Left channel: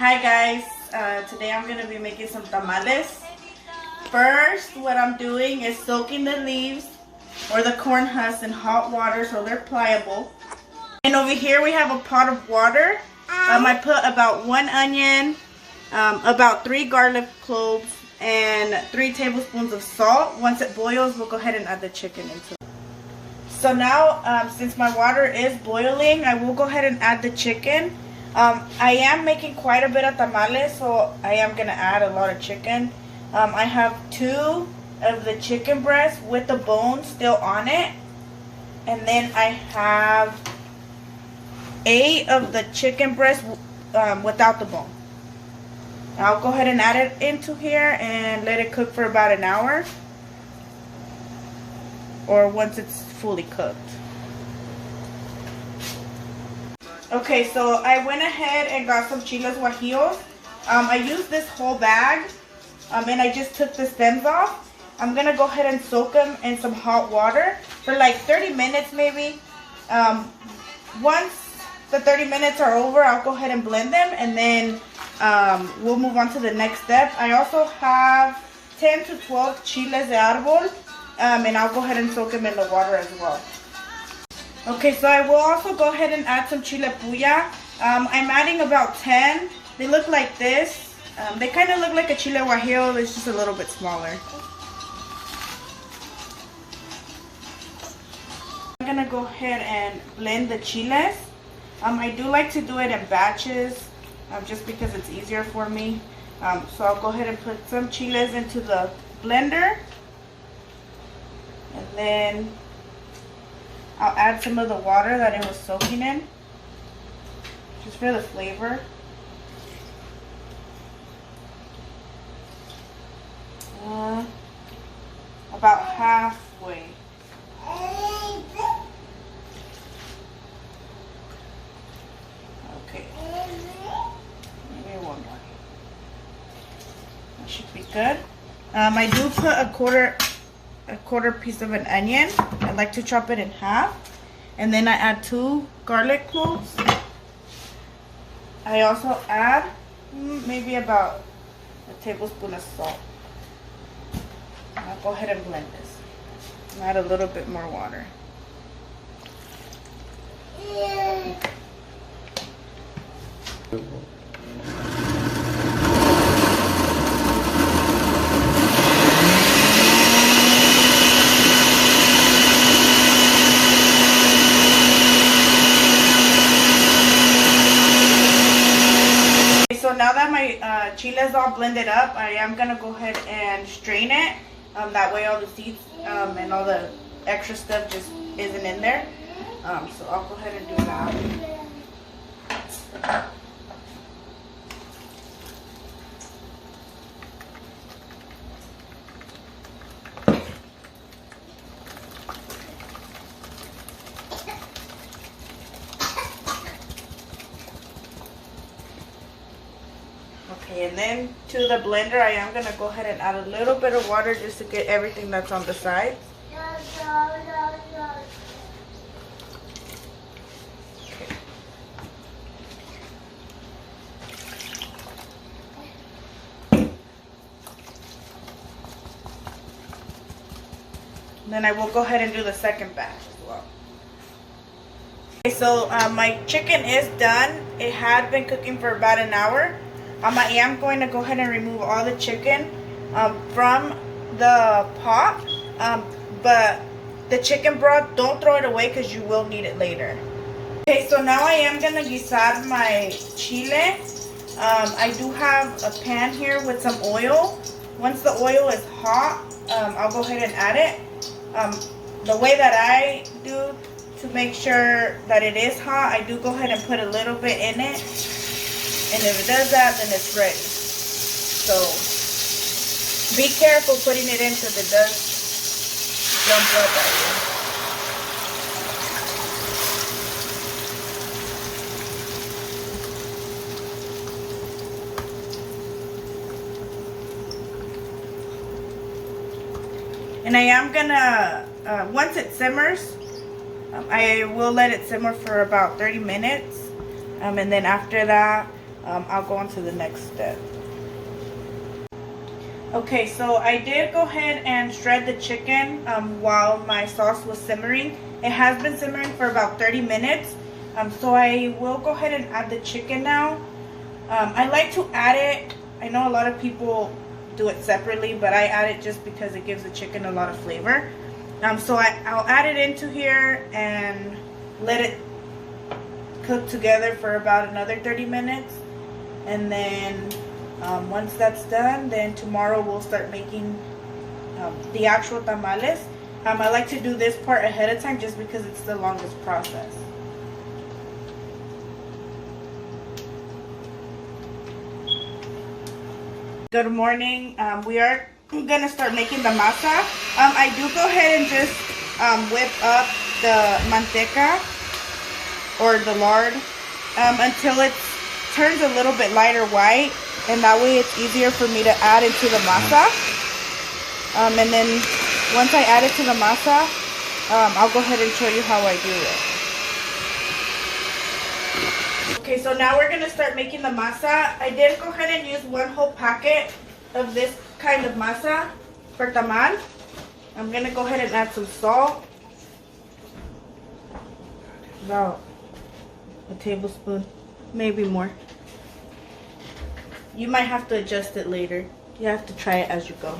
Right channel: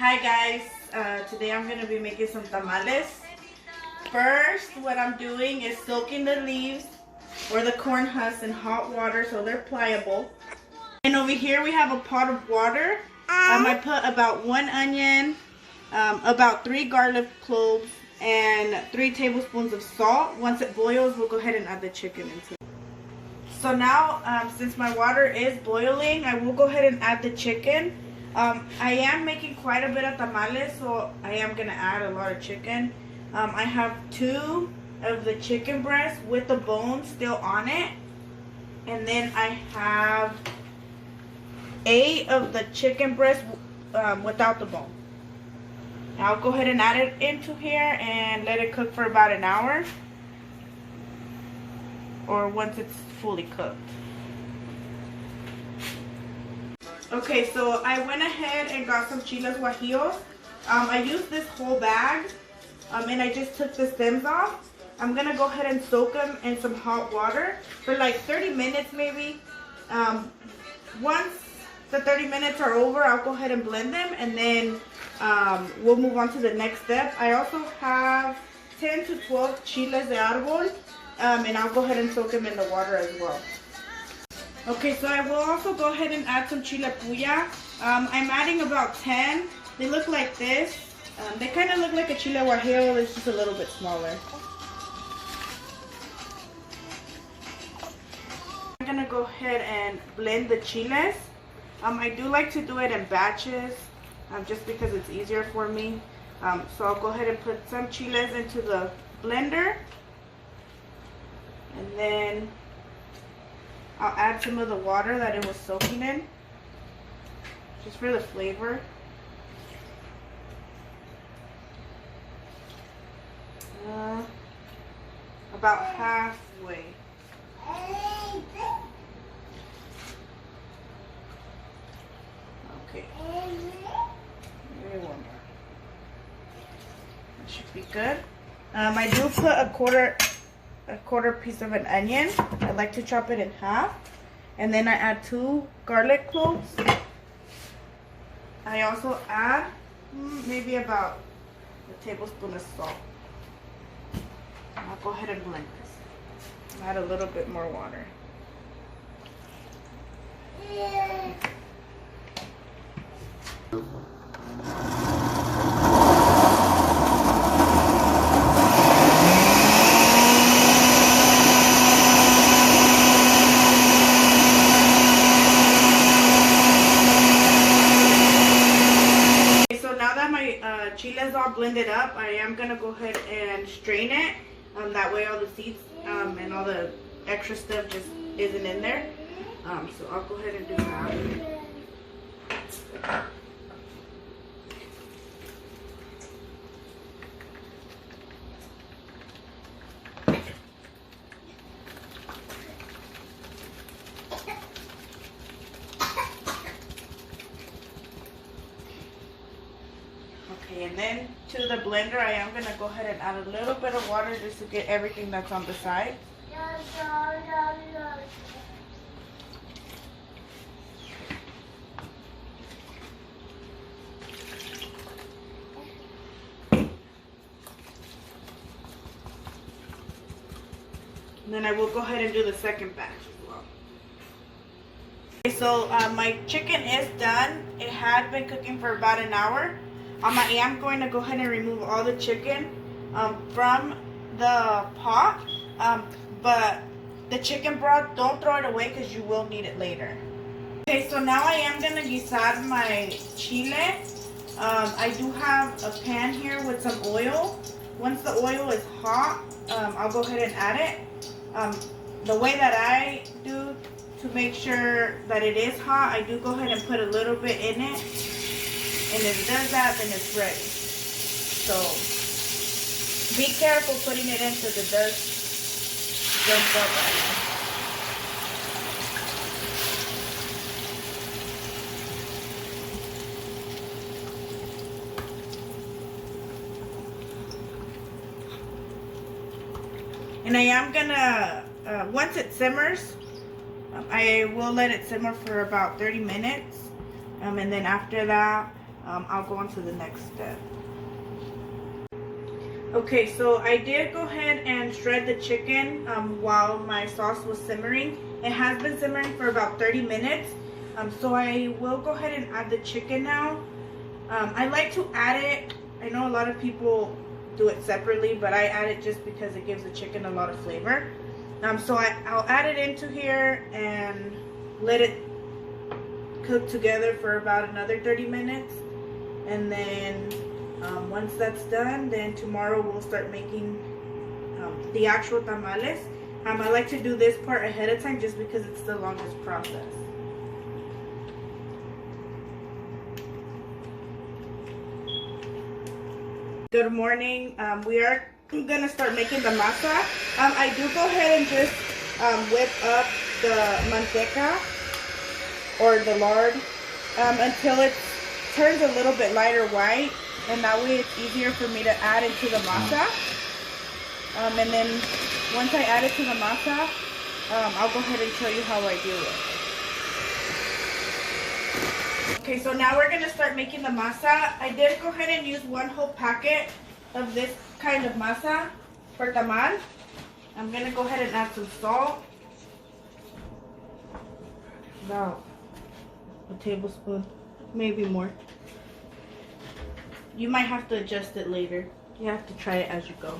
Hi guys, today I'm going to be making some tamales. First, what I'm doing is soaking the leaves or the corn husks in hot water so they're pliable. And over here we have a pot of water. I put about 1 onion, about 3 garlic cloves, and 3 tablespoons of salt. Once it boils, we'll go ahead and add the chicken into it. So now, since my water is boiling, I will go ahead and add the chicken. I am making quite a bit of tamales, so I am going to add a lot of chicken. I have 2 of the chicken breasts with the bone still on it. And then I have 8 of the chicken breasts without the bone. I'll go ahead and add it into here and let it cook for about an hour. Or once it's fully cooked. Okay, so I went ahead and got some chiles guajillos. I used this whole bag, and I just took the stems off. I'm gonna go ahead and soak them in some hot water for like 30 minutes maybe. Once the 30 minutes are over, I'll go ahead and blend them, and then we'll move on to the next step. I also have 10 to 12 chiles de árbol, and I'll go ahead and soak them in the water as well. Okay, so I will also go ahead and add some chile puya. I'm adding about 10. They look like this. They kind of look like a chile guajillo, it's just a little bit smaller. I'm gonna go ahead and blend the chiles. I do like to do it in batches, just because it's easier for me. So I'll go ahead and put some chiles into the blender. And then I'll add some of the water that it was soaking in, just for the flavor. About halfway. Okay. Maybe one more. That should be good. I do put a quarter piece of an onion. I like to chop it in half, and then I add 2 garlic cloves. I also add maybe about a tablespoon of salt. I'll go ahead and blend this and add a little bit more water. Now that my chile is all blended up, I am going to go ahead and strain it. That way all the seeds and all the extra stuff just isn't in there. So I'll go ahead and do that. Okay, and then to the blender, I am going to go ahead and add a little bit of water just to get everything that's on the side. And then I will go ahead and do the second batch as well. Okay, so my chicken is done. It had been cooking for about an hour. I am going to go ahead and remove all the chicken from the pot, but the chicken broth, don't throw it away because you will need it later. Okay, so now I am going to guisar my chile. I do have a pan here with some oil. Once the oil is hot, I'll go ahead and add it. The way that I do to make sure that it is hot, I do go ahead and put a little bit in it. And if it does that, then it's ready. So be careful putting it in because it does jump up at you. And I am gonna, once it simmers, I will let it simmer for about 30 minutes. And then after that, I'll go on to the next step. Okay, so I did go ahead and shred the chicken while my sauce was simmering. It has been simmering for about 30 minutes. So I will go ahead and add the chicken now. I like to add it. I know a lot of people do it separately, but I add it just because it gives the chicken a lot of flavor. So I'll add it into here and let it cook together for about another 30 minutes. And then once that's done, then tomorrow we'll start making the actual tamales. I like to do this part ahead of time just because it's the longest process. Good morning. We are gonna start making the masa. I do go ahead and just whip up the manteca or the lard until it turns a little bit lighter white, and that way it's easier for me to add into the masa. And then once I add it to the masa, I'll go ahead and show you how I do it. Okay, so now we're gonna start making the masa. I did go ahead and use one whole packet of this kind of masa for tamal. I'm gonna go ahead and add some salt, about a tablespoon, maybe more. You might have to adjust it later. You have to try it as you go.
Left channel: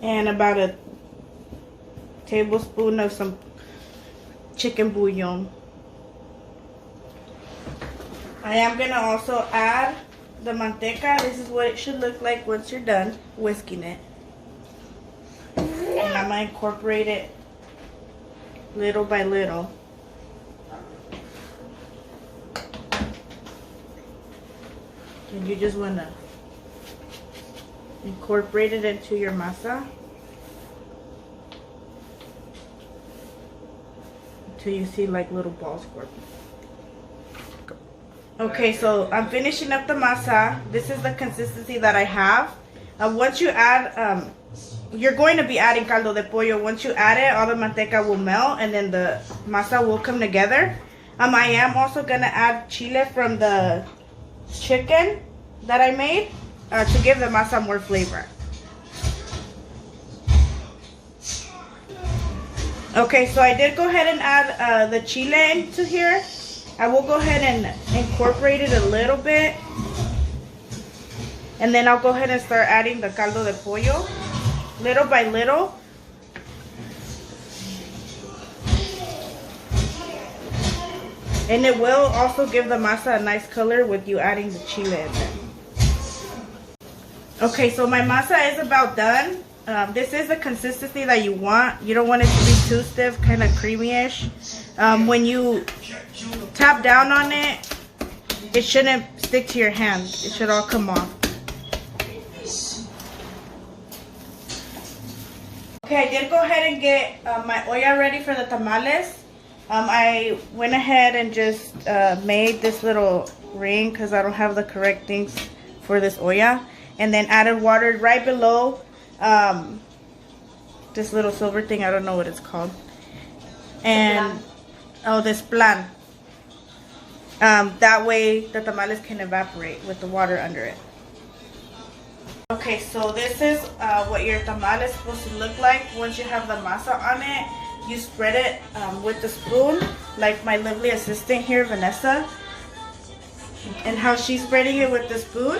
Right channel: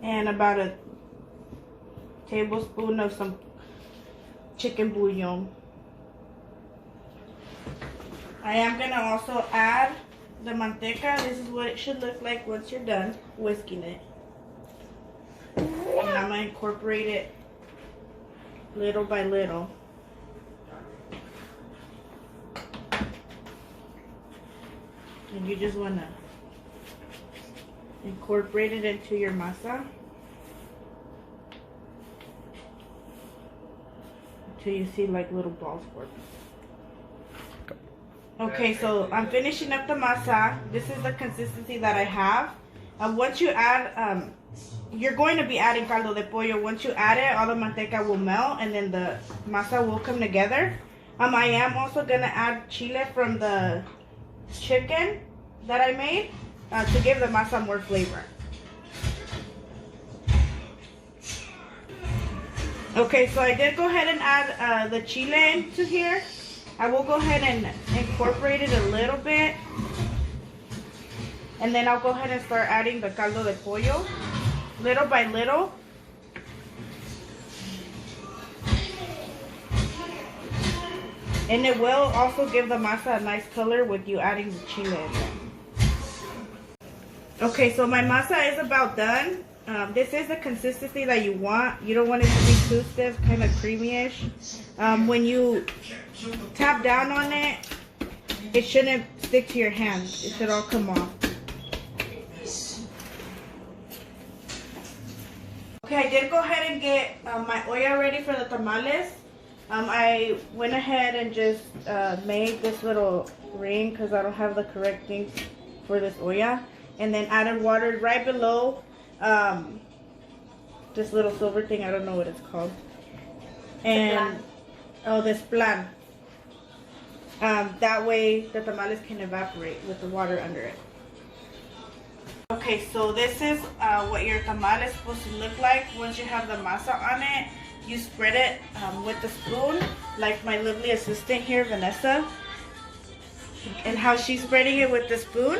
And about a tablespoon of some chicken bouillon. I am gonna also add the manteca. This is what it should look like once you're done whisking it. And I'm gonna incorporate it little by little. And you just wanna incorporate it into your masa until you see like little balls forming. Okay, so I'm finishing up the masa. This is the consistency that I have. Once you add, you're going to be adding caldo de pollo. Once you add it, all the manteca will melt and then the masa will come together. I am also gonna add chile from the chicken that I made to give the masa more flavor. Okay, so I did go ahead and add the chile into here. I will go ahead and incorporate it a little bit. And then I'll go ahead and start adding the caldo de pollo little by little. And it will also give the masa a nice color with you adding the chile in there. Okay, so my masa is about done. This is the consistency that you want. You don't want it to be too stiff, kind of creamy-ish. When you tap down on it, it shouldn't stick to your hands. It should all come off. Okay, I did go ahead and get my olla ready for the tamales. I went ahead and just made this little ring because I don't have the correct things for this olla. And then added water right below this little silver thing. I don't know what it's called. And oh, this plan. That way the tamales can evaporate with the water under it. Okay, so this is what your tamal is supposed to look like. Once you have the masa on it, you spread it with the spoon, like my lovely assistant here, Vanessa. And how she's spreading it with the spoon.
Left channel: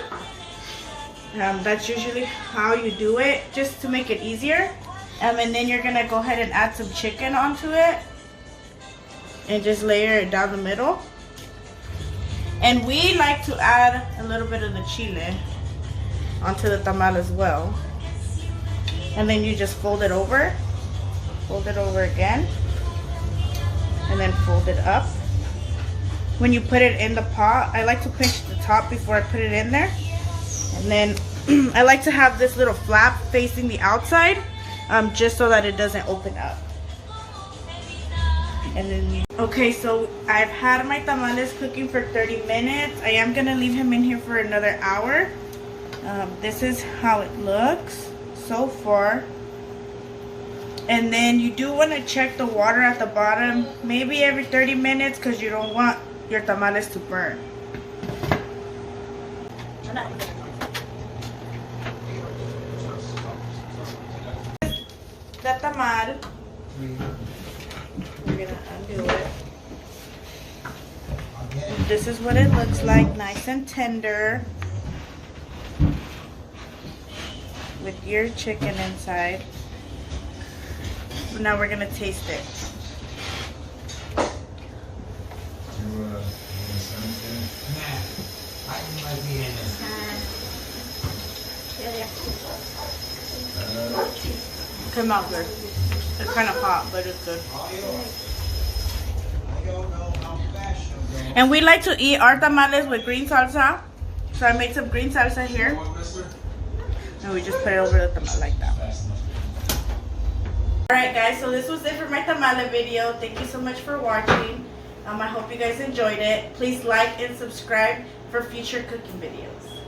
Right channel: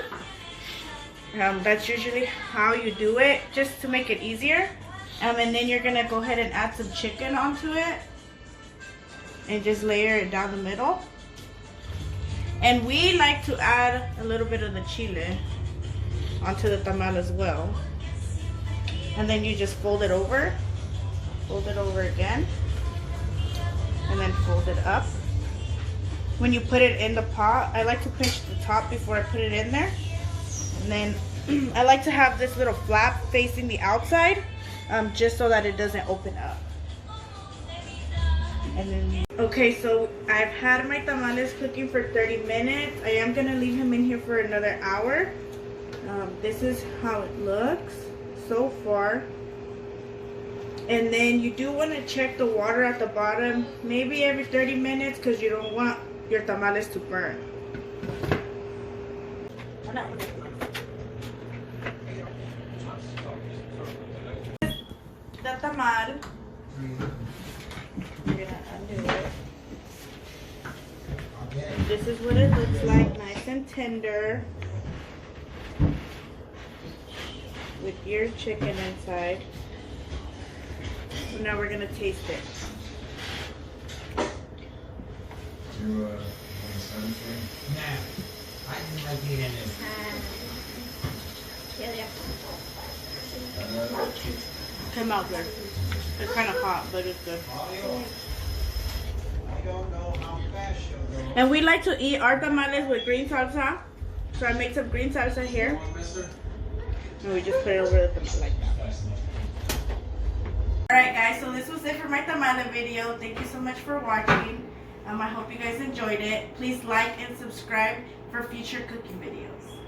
That's usually how you do it, just to make it easier. And then you're gonna go ahead and add some chicken onto it and just layer it down the middle. And we like to add a little bit of the chile onto the tamal as well. And then you just fold it over again, and then fold it up. When you put it in the pot, I like to pinch the top before I put it in there. And then I like to have this little flap facing the outside, just so that it doesn't open up. And then, okay, so I've had my tamales cooking for 30 minutes. I am gonna leave him in here for another hour. This is how it looks so far. And then you do want to check the water at the bottom, maybe every 30 minutes, because you don't want your tamales to burn. The tamal. We're gonna undo it. This is what it looks like, nice and tender, with your chicken inside. Now we're gonna taste it. Come out good. It's kind of hot, but it's good. And we like to eat our tamales with green salsa. So I make some green salsa here. And we just put it over the tamal like that. Alright guys, so this was it for my tamale video. Thank you so much for watching. I hope you guys enjoyed it. Please like and subscribe for future cooking videos.